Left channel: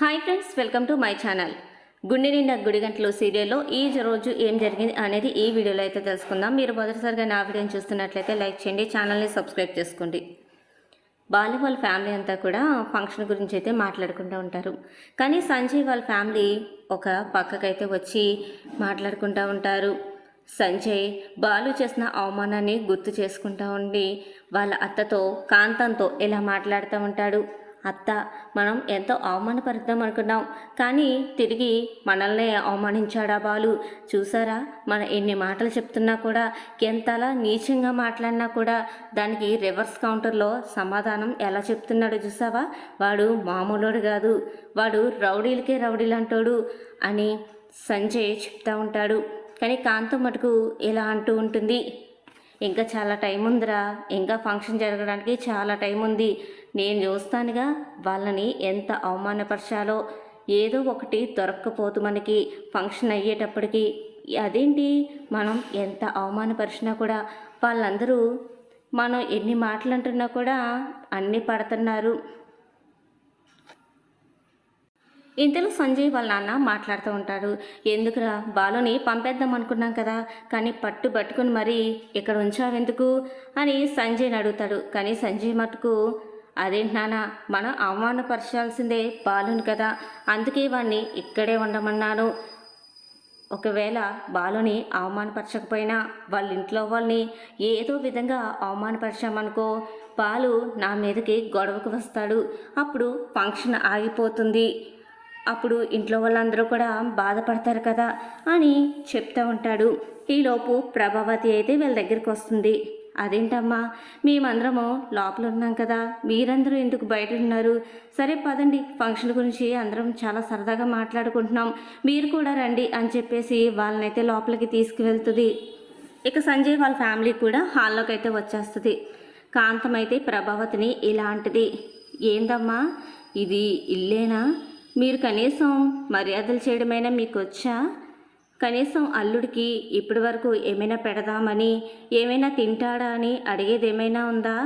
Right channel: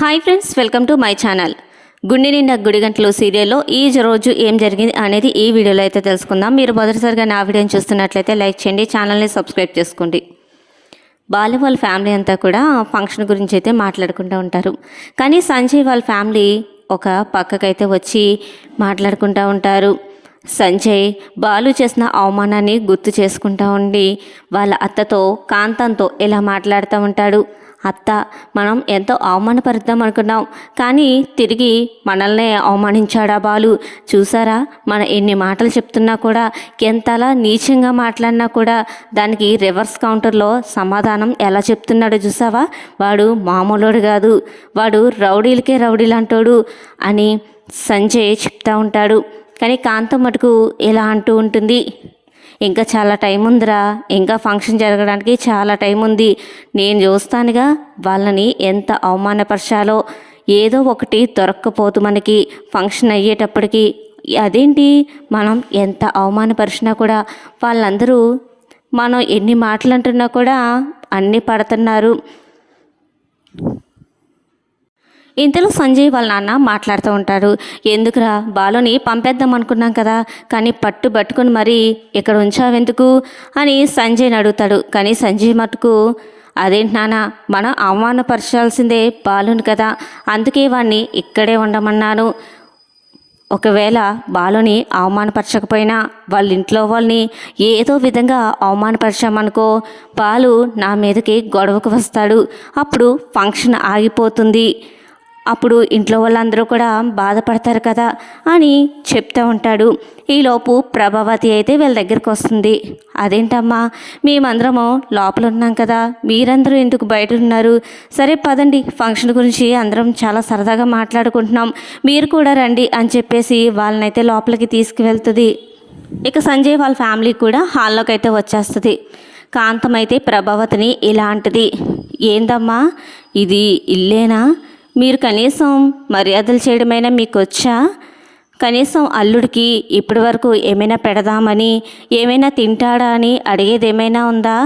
Hi friends welcome to my channel. గుండె నిండా గుడిగంటలు సీరియల్లో ఈ రోజు ఏం జరిగింది అనేది ఈ వీడియోలో అయితే తెలుసుకుందాం. మీరు మొదటిసారిగా నా వీడియోని చూస్తున్నట్లయితే లైక్ చేయండి ఛానల్ని సబ్స్క్రైబ్ చేసుకోండి. బాలు వాళ్ళ ఫ్యామిలీ అంతా కూడా ఫంక్షన్ గురించి అయితే మాట్లాడుకుంటూ ఉంటారు. కానీ సంజయ్ వాళ్ళ ఫ్యామిలీ ఒక పక్కకైతే వచ్చి మాట్లాడుకుంటూ ఉంటారు. సంజయ్ బాలు చేసిన అవమానాన్ని గుర్తు చేసుకుంటూ ఉండి వాళ్ళ అత్తతో కాంతంతో ఇలా మాట్లాడుతూ ఉంటాడు. అత్త మనం ఎంతో అవమానపరుద్దాం అనుకున్నాం. కానీ తిరిగి మనల్నే అవమానించాడా బాలు? చూసారా? మన ఎన్ని మాటలు చెప్తున్నా కూడా ఎంతలా నీచంగా మాట్లాడినా కూడా దానికి రివర్స్ కౌంటర్లో సమాధానం ఎలా చెప్తున్నాడో చూసావా? వాడు మామూలుడు కాదు. వాడు రౌడీలకే రౌడీలు అంటాడు అని సంజయ్ చెప్తా ఉంటాడు. కానీ కాంతం మటుకు ఇలా అంటూ ఉంటుంది. ఇంకా చాలా టైం ఉందిరా. ఇంకా ఫంక్షన్ జరగడానికి చాలా టైం ఉంది. నేను చూస్తానుగా వాళ్ళని ఎంత అవమానపరచాలో. ఏదో ఒకటి దొరక్కపోతు మనకి. ఫంక్షన్ అయ్యేటప్పటికి. అదేంటి? మనం ఎంత అవమానపరిచినా కూడా వాళ్ళందరూ మనం ఎన్ని మాటలు అంటున్నా కూడా అన్నీ పడుతున్నారు. ఇంతలో సంజయ్ వాళ్ళ నాన్న మాట్లాడుతూ ఉంటారు ఎందుకురా? బాలుని పంపేద్దాం అనుకున్నాం కదా. కానీ పట్టు పట్టుకుని మరీ ఇక్కడ ఉంచావెందుకు? అని సంజయ్ని అడుగుతాడు. కానీ సంజయ్ మటుకు అదేంటి నాన్న? మనం అవమానపరచాల్సిందే బాలుని కదా. అందుకే వాడిని ఇక్కడే ఉండమన్నాను. ఒకవేళ బాలుని అవమానపరచకపోయినా వాళ్ళ ఇంట్లో వాళ్ళని ఏదో విధంగా అవమానపరిచామనుకో బాలు నా మీదకి గొడవకు వస్తాడు. అప్పుడు ఫంక్షన్ ఆగిపోతుంది. అప్పుడు ఇంట్లో వాళ్ళందరూ కూడా బాధపడతారు కదా అని చెప్తూ ఉంటాడు. ఈలోపు ప్రభావతి అయితే వీళ్ళ దగ్గరికి వస్తుంది. అదేంటమ్మా మేమందరము లోపల ఉన్నాం కదా మీరందరూ ఎందుకు బయట ఉన్నారు? సరే పదండి ఫంక్షన్ గురించి అందరం చాలా సరదాగా మాట్లాడుకుంటున్నాం. మీరు కూడా రండి అని చెప్పేసి వాళ్ళనైతే లోపలికి తీసుకువెళ్తుంది. ఇక సంజయ్ వాళ్ళ ఫ్యామిలీ కూడా హాల్లోకి అయితే వచ్చేస్తుంది. కాంతం అయితే ప్రభావతిని ఇలాంటిది ఏందమ్మా ఇది ఇల్లేనా? మీరు కనీసం మర్యాదలు చేయడమైనా మీకు వచ్చా? కనీసం అల్లుడికి ఇప్పటి వరకు ఏమైనా పెడదామని ఏమైనా తింటాడా అని అడిగేది ఏమైనా ఉందా?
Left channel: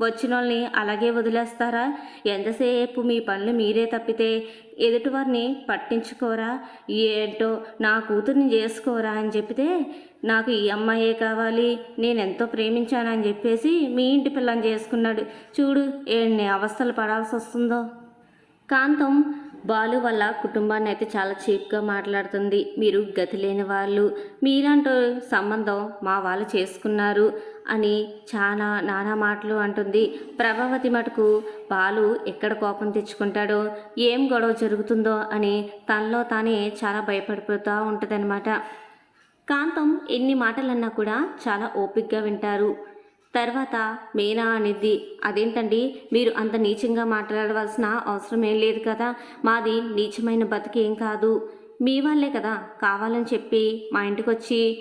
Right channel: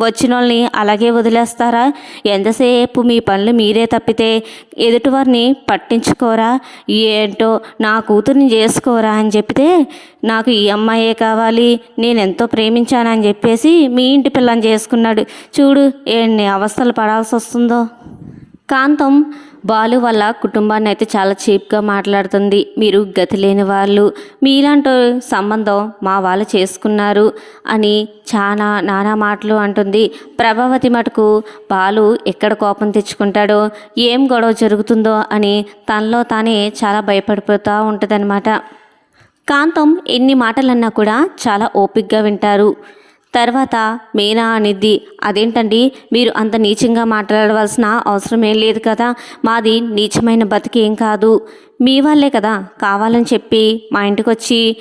వచ్చిన వాళ్ళని అలాగే వదిలేస్తారా? ఎంతసేపు మీ పనులు మీరే తప్పితే ఎదుటివారిని పట్టించుకోరా? ఏంటో నా కూతుర్ని చేసుకోరా అని చెప్తే నాకు ఈ అమ్మాయే కావాలి నేను ఎంతో ప్రేమించానని చెప్పేసి మీ ఇంటి పిల్లని చేసుకున్నాడు. చూడు ఎన్ని అవస్థలు పడాల్సి వస్తుందో కాంతం బాలు వాళ్ళ కుటుంబాన్ని అయితే చాలా చీప్గా మాట్లాడుతుంది. మీరు గతి లేని వాళ్ళు మీలాంటి సంబంధం మా వాళ్ళు చేసుకున్నారు అని చాలా నానా మాటలు అంటుంది. ప్రభావతి మటుకు బాలు ఎక్కడ కోపం తెచ్చుకుంటాడో ఏం గొడవ జరుగుతుందో అని తనలో తానే చాలా భయపడిపోతూ ఉంటుందన్నమాట. కాంతం ఎన్ని మాటలన్నా కూడా చాలా ఓపిక్గా వింటారు. తర్వాత మీనా అనిద్ది అదేంటండి? మీరు అంత నీచంగా మాట్లాడవలసిన అవసరం ఏం లేదు కదా? మాది నీచమైన బతికేం కాదు. మీ వాళ్ళే కదా కావాలని చెప్పి మా ఇంటికి వచ్చి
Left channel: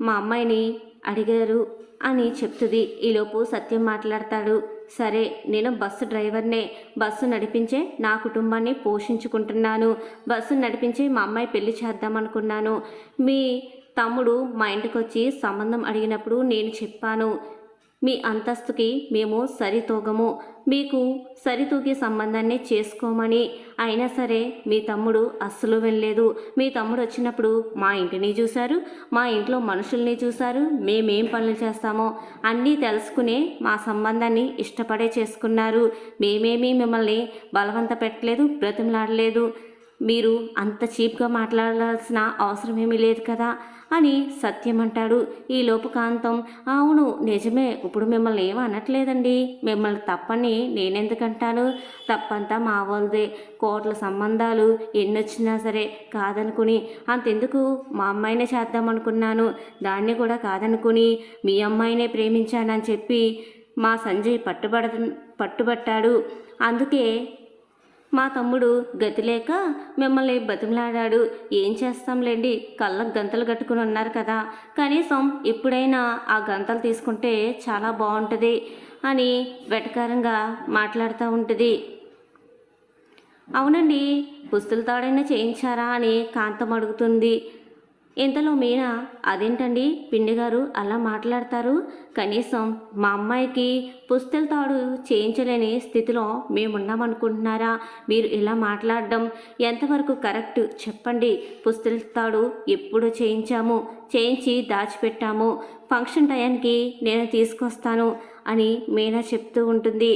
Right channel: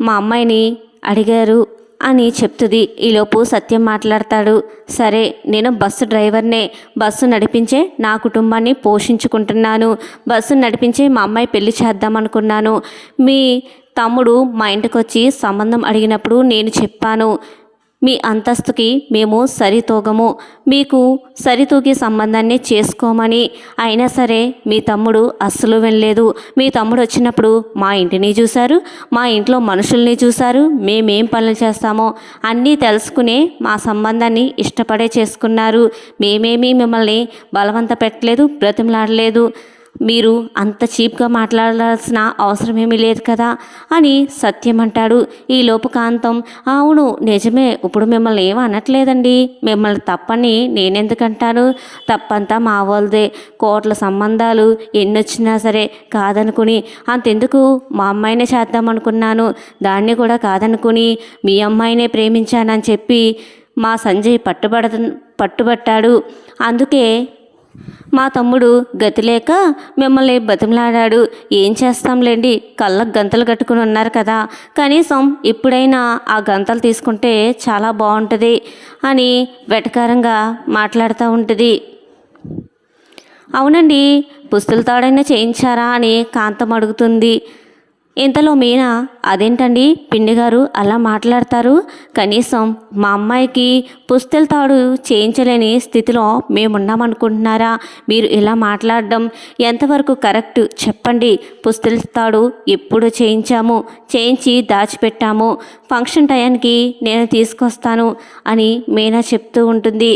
మా అమ్మాయిని అడిగారు అని చెప్తుంది. ఈలోపు సత్యం మాట్లాడతాడు. సరే నేను బస్సు డ్రైవర్నే. బస్సు నడిపించే నా కుటుంబాన్ని పోషించుకుంటున్నాను. బస్సు నడిపించే మా అమ్మాయి పెళ్ళి చేద్దామనుకున్నాను మీ తమ్ముడు మా ఇంటికి వచ్చి సంబంధం అడిగినప్పుడు నేను చెప్పాను. మీ అంతస్తుకి మేము సరితూగము. మీకు సరితూగి సంబంధాన్ని చేసుకోమని. అయినా సరే మీ తమ్ముడు అస్సలు వెళ్ళలేదు మీ తమ్ముడు వచ్చినప్పుడు మా ఇంటిని చూశారు. మా ఇంట్లో మనుషుల్ని చూశారు. మేమేం పనులు చేస్తామో అన్నీ తెలుసుకునే మా సంబంధాన్ని ఇష్టపడే చేసుకున్నారు. మేమేమీ మిమ్మల్ని బలవంత పెట్టలేదు బ్రతిమలాడలేదు. మీరు అంత చీప్గా మాట్లాడాల్సిన అవసరం ఏమీ లేదు కదా అని సత్యం అంటాడు. ఈ లోపు కాంతం అవును నిజమే ఇప్పుడు మిమ్మల్ని ఏం అనట్లేదండి. మిమ్మల్ని తప్పని నేనెందుకంటాను? తప్పంతా మా వాళ్ళదే. కోట్ల సంబంధాలు ఎన్నొచ్చినా సరే కాదనుకుని అంతెందుకు మా అమ్మాయినే చేద్దామనుకున్నాను దాన్ని కూడా కాదనుకుని మీ అమ్మాయినే ప్రేమించానని చెప్పి మా సంజయ్ పట్టుబడ పట్టుబట్టాడు. అందుకే మా తమ్ముడు గతిలేక మిమ్మల్ని బతిమలాడాడు. ఏం చేస్తాంలేండి? కళ్ళకు గంతలు కట్టుకుని ఉన్నారు కదా. కనీసం ఇప్పుడైనా ఆ గంతలు తీసుకుంటే చాలా బాగుంటుంది అని వెటకారంగా మాట్లాడుతూ ఉంటుంది. అవునండి పుస్తుల తాడైనా చేయించారా అని కాంతం అడుగుతుంది. ఇంతలో మీనా అదేంటండి? పిండి గారు అలా మాట్లాడతారు? కనీసం మా అమ్మాయికి పుస్తెల తాడు చేయించలేని స్థితిలో మేమున్నామనుకుంటున్నారా? మీరు ఇలా మాట్లాడడం ఎంతవరకు కరెక్ట్? చెప్పండి. పుస్తెల తాడు ఎప్పుడు చేయించాము? చేయించి దాచిపెట్టాము. ఫంక్షన్ టయానికి నేను తీసుకొస్తాను అని మీనా చెప్తూ ఉంటుంది.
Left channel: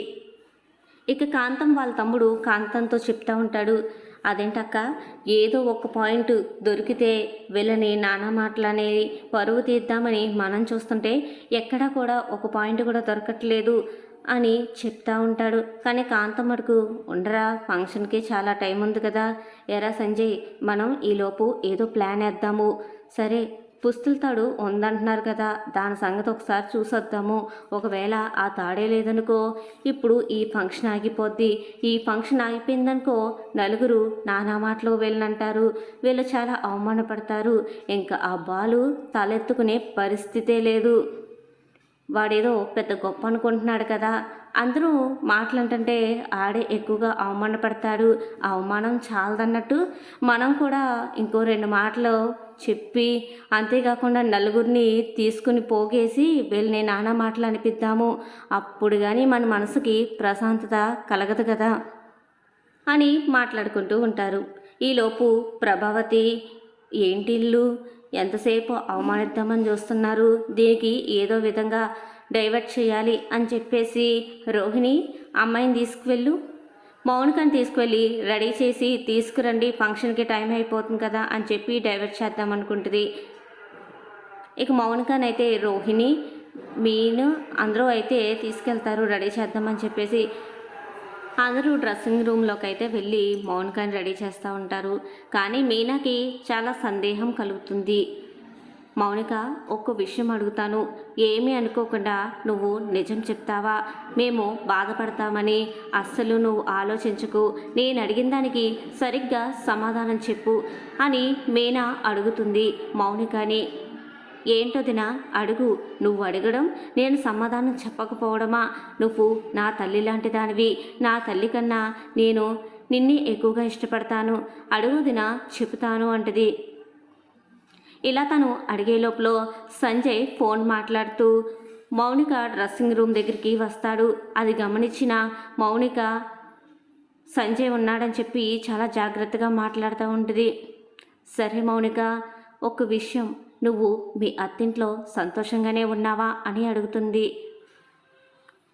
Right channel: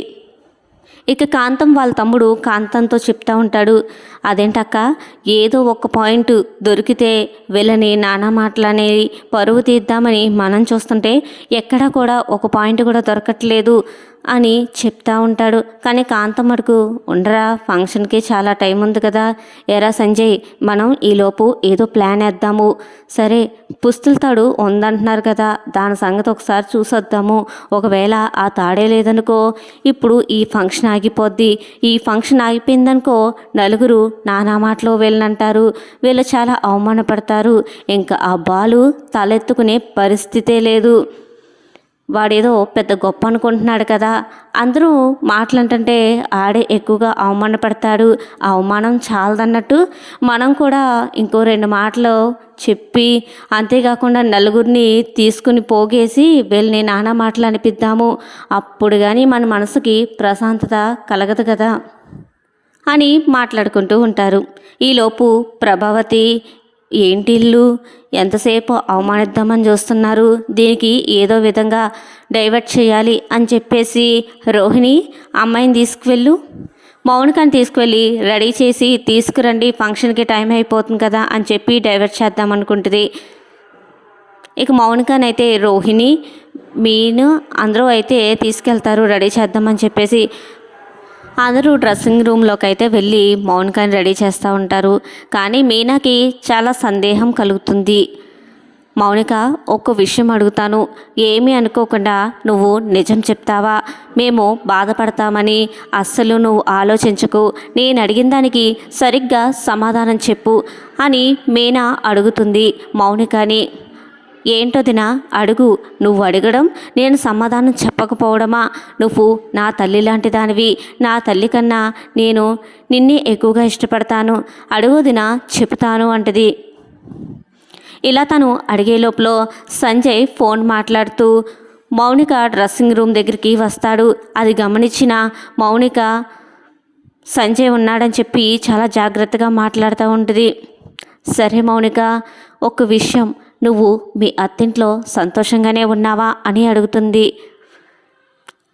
ఇక కాంతం వాళ్ళ తమ్ముడు కాంతంతో చెప్తా ఉంటాడు అదేంటక్క ఏదో ఒక పాయింట్ దొరికితే వీళ్ళని నానా మాటలనేవి పరువు తీద్దామని మనం చూస్తుంటే ఎక్కడా కూడా ఒక పాయింట్ కూడా దొరకట్లేదు. అని చెప్తా ఉంటాడు. కానీ కాంతమ్మడుకు ఉండరా ఫంక్షన్కి చాలా టైం ఉంది కదా. ఎరా సంజయ్ మనం ఈలోపు ఏదో ప్లాన్ వేద్దాము. సరే పుస్తుల తాడు ఉందంటున్నారు కదా. దాని సంగతి ఒకసారి చూసొద్దాము. ఒకవేళ ఆ తాడే లేదనుకో ఇప్పుడు ఈ ఫంక్షన్ ఆగిపోద్ది. ఈ ఫంక్షన్ ఆగిపోయిందనుకో నలుగురు నానా మాటలో వెళ్ళనంటారు. వీళ్ళు చాలా అవమానపడతారు. ఇంకా ఆ బాలు తలెత్తుకునే పరిస్థితే లేదు. వాడేదో పెద్ద గొప్ప అనుకుంటున్నాడు కదా. అందరూ మాటలంటుంటే ఆడే ఎక్కువగా అవమానపడతాడు. అవమానం చాలదన్నట్టు మనం కూడా ఇంకో రెండు మాటలు చెప్పి అంతేకాకుండా నలుగురిని తీసుకుని పోగేసి వీళ్ళని నానా మాటలు అనిపిద్దాము. అప్పుడు కానీ మన మనసుకి ప్రశాంతత కలగదు కదా అని మాట్లాడుకుంటూ ఉంటారు. ఈలోపు ప్రభావతి ఏంటి ఇల్లు? ఎంతసేపు అవమానిద్దామని చూస్తున్నారు? దీనికి ఏదో విధంగా డైవర్ట్ చేయాలి అని చెప్పేసి రోహిణి అమ్మాయిని తీసుకువెళ్ళు. మౌనికని తీసుకువెళ్ళి రెడీ చేసి తీసుకురండి ఫంక్షన్కి టైం అయిపోతుంది కదా అని చెప్పి డైవర్ట్ చేద్దాం అనుకుంటుంది. ఇక మౌనికనైతే రోహిణి మీను అందరూ అయితే తీసుకెళ్తారు రెడీ చేద్దామని చెప్పేసి అందరూ డ్రెస్సింగ్ రూమ్లోకి అయితే వెళ్ళి మౌనికాని రెడీ చేస్తూ ఉంటారు. కానీ మీనాకి చాలా సందేహం కలుగుతుంది. మౌనిక ఒక్క విషయం అడుగుతాను. ఏమీ అనుకోకుండా నువ్వు నిజం చెప్తావా? మేము బాధపడతామని అస్సలు నువ్వు ఆలోచించకు. నేను అడిగిన దానికి సరిగ్గా సమాధానం చెప్పు అని మీనా అడుగుతుంది మౌనికని. ఏంటోదినా అడుగు. నువ్వు అడగడం నేను సమాధానం చెప్పకపోవడమా? నువ్వు నా తల్లి లాంటి దానివి నా తల్లి కన్నా నేను నిన్నే ఎక్కువగా ఇష్టపడతాను. అడుగుదినా చెబుతాను అంటది. ఇలా తను అడిగే లోపల సంజయ్ ఫోన్ మాట్లాడుతూ మౌనిక డ్రెస్సింగ్ రూమ్ దగ్గరికి వస్తాడు. అది గమనించిన మౌనిక సంజయ్ ఉన్నాడని చెప్పి చాలా జాగ్రత్తగా మాట్లాడుతూ ఉంటుంది. సరే మౌనిక ఒక విషయం నువ్వు మీ అత్తింట్లో సంతోషంగానే ఉన్నావా అని అడుగుతుంది.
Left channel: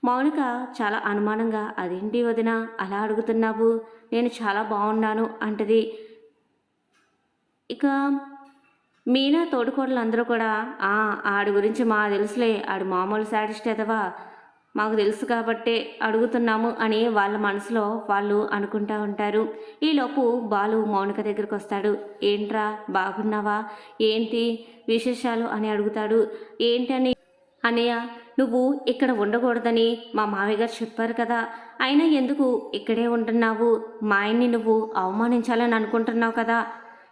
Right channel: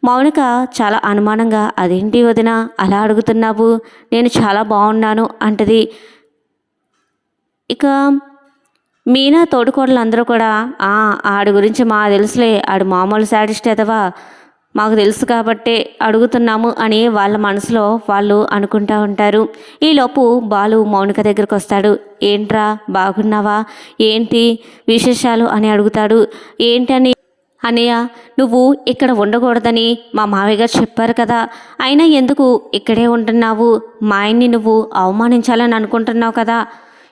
మౌనిక చాలా అనుమానంగా అదేంటి వదిన అలా అడుగుతున్నావు? నేను చాలా బాగున్నాను అంటది. ఇక మీనా తోడుకోడలందరూ కూడా ఆడి గురించి మా తెలుసులే ఆడు మామూలు శాడిస్ట్ ఎదవా? మాకు తెలుసు కాబట్టే అడుగుతున్నాము అని వాళ్ళ మనసులో వాళ్ళు అనుకుంటా ఉంటారు. ఈలోపు బాలు మౌనిక దగ్గరకు వస్తాడు. ఏంట్రా బాగున్నావా? ఏంటి విశేషాలు అని అడుగుతాడు. ఏంటని? అనయ్య నువ్వు ఇక్కడ ఉండకూడదని మా మావయ్య గారు చెప్పారు కదా. అయినా ఎందుకు ఇక్కడే ఉంటున్నావు? మా ఆయన్ని నువ్వు అవమానించాలని అనుకుంటున్నావు కదా.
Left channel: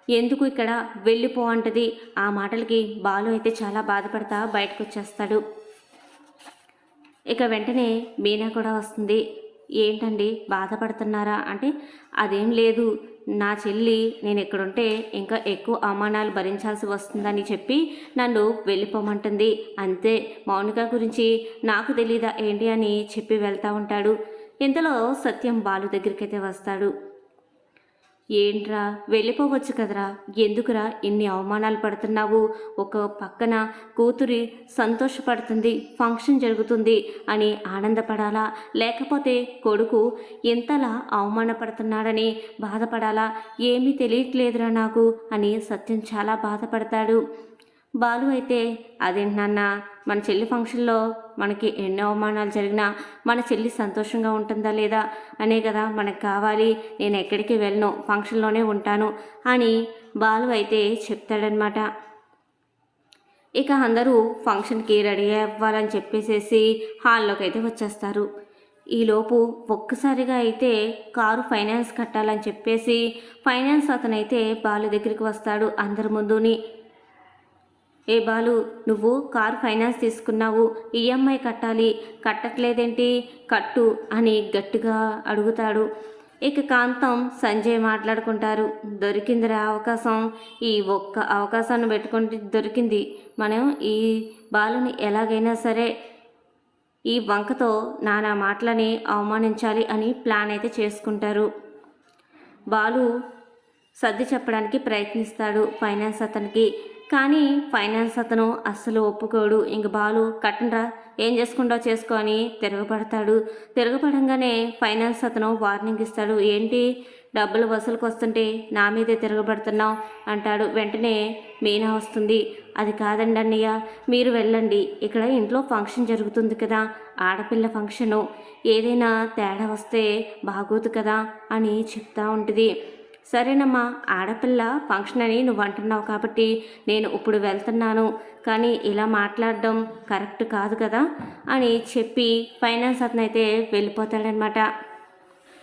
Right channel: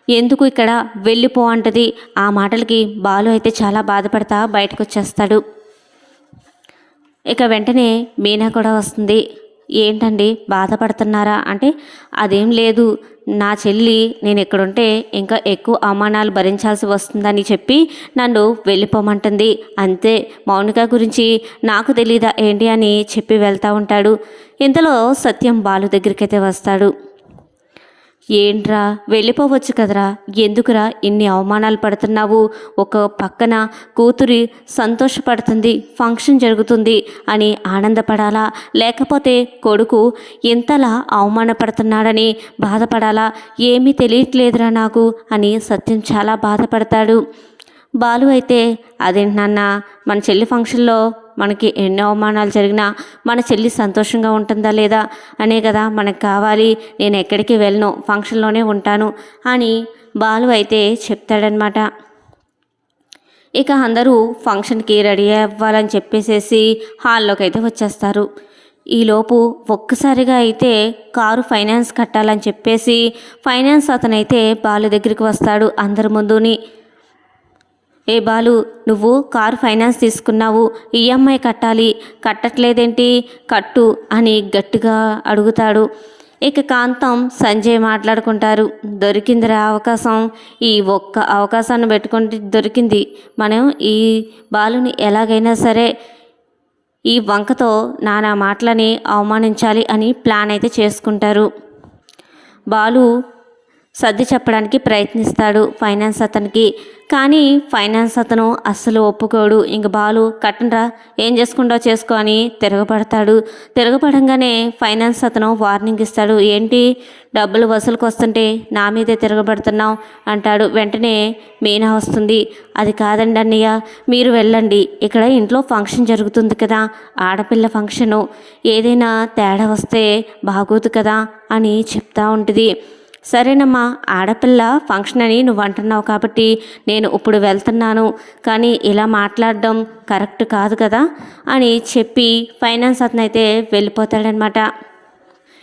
ఎందుకు ఇక్కడ వెళ్ళిపో అంటది. ఆ మాటలకి బాలు అయితే చాలా బాధపడతా బయటకు వచ్చేస్తాడు ఇక వెంటనే మీనా కూడా వస్తుంది. ఏంటండి బాధపడుతున్నారా? అంటే అదేం లేదు. నా చెల్లి నేను ఇక్కడుంటే ఇంకా ఎక్కువ అవమానాలు భరించాల్సి వస్తుందని చెప్పి నన్ను వెళ్ళిపోమంటుంది. అంతే. మౌనిక గురించి నాకు తెలీదా ఏంటి అని చెప్పి వెళ్తూ ఉంటాడు. ఇంతలో సత్యం బాలు దగ్గరికైతే వస్తాడు. ఏంట్రా? వెళ్ళిపోవచ్చు కదరా. ఎందుకురా ఇన్ని అవమానాలు పడుతున్నావు? ఒక పక్కన కూతురి సంతోషపడుతుంది ఫంక్షన్ జరుగుతుంది అని ఆనందపడాలా? లేకపోతే కొడుకు ఇంతలా అవమానపడుతున్నాడని బాధపడాలా? ఏమీ తెలియట్లేదురా నాకు అని సత్యం చాలా బాధపడతాడు. బాలు అయితే అదేంటి నాన్న మన చెల్లి ఫంక్షన్లో మనకి ఎన్నో అవమానాలు జరిగినా మన చెల్లి సంతోషంగా ఉంటుందా లేదా? అనే కదా మనకు కావాలి నేను ఎక్కడికి వెళ్ళను ఫంక్షన్లోనే ఉంటాను అని బాలు అయితే చెప్తాడనమాట ఇక అందరూ ఫంక్షన్కి రెడీ అవ్వాలని చెప్పేసేసి హాల్లోకి అయితే వచ్చేస్తారు. ఈలోపు ఒక్కసారిగా అయితే కారు ఫైనాన్స్ కట్టాలని చెప్పేసి ఫైనాన్స్ అతనైతే బాలు దగ్గరికి వస్తాడు అందరి ముందుని. ఏ బాలు నువ్వు కారు ఫైనాన్స్ తీసుకున్నావు ఈఎంఐ కట్టాలి కట్టట్లేదేంటి? కట్టు అని గట్టిగా అడుగుతాడు. ఇక కాంతం సంజయ్ మాట్లాడుకుంటారు. దొరికిందిరా అవకాశం. ఈ ఒక్క అవకాశాన్ని పెట్టుకుంటే దొరికింది. మనం ఈ బాలుని ఎలాగైనా సరే ఈ వంకతో నానా మాటలని అవమానించాలి అని ప్లాన్ అయితే చేసుకుంటారు. బాలు సర్ది చెప్పడానికి ప్రయత్నిస్తాడు ఫైనాన్స్ అతనికి. కానీ ఫైనాన్స్ అతను అస్సలు ఒప్పుకోడు. ఇంక బాలు కట్టనరా ఏం చేసుకుంటో చేసుకో అని తిరగబడతాడు. తిరగబడంగానే ఫైనాన్స్ అతను వార్నింగ్ ఇస్తాడు. ఏంటి డబ్బులు వసూలుకు వస్తుంటే నా మీదే తిరగబడుతున్నావు? అంటాడు. వెంటనే మీనా వస్తుంది. అది కాదండి అన్నయ్య మీరు వెళ్ళండి. ఇక్కడ ఇంట్లో ఫంక్షన్ జరుగుతుంది కదా ఆడపిల్ల ఫంక్షను. ఏదైనా తేడా వస్తే బాగోదు కదా అని చెప్తా ఉంటుంది. సరేనమ్మా ఆడపిల్ల ఫంక్షన్ అని నువ్వు అంటున్నావు కాబట్టి నేను ఇప్పుడు వెళ్తున్నాను. కానీ ఇలా మాట్లాడడం కరెక్ట్ కాదు కదా అని చెప్పి ఫైనాన్స్ అతను అయితే వెళ్ళిపోతాడనమాట.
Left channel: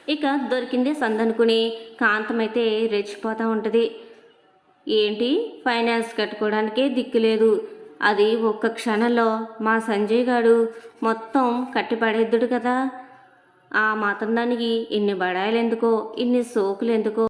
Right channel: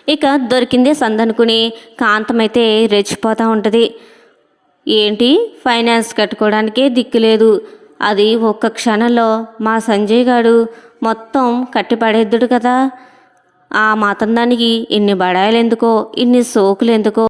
ఇక దొరికిందే సందనుకుని కాంతమైతే రెచ్చిపోతూ ఉంటుంది. ఏంటి? ఫైనాన్స్ కట్టుకోవడానికే దిక్కు లేదు. అది ఒక్క క్షణంలో మా సంజయ్ గారు మొత్తం కట్టిపడేద్దుడు కదా. ఆ మాతందానికి ఇన్ని బడాయిలు ఎందుకో ఇన్ని సోకులు ఎందుకో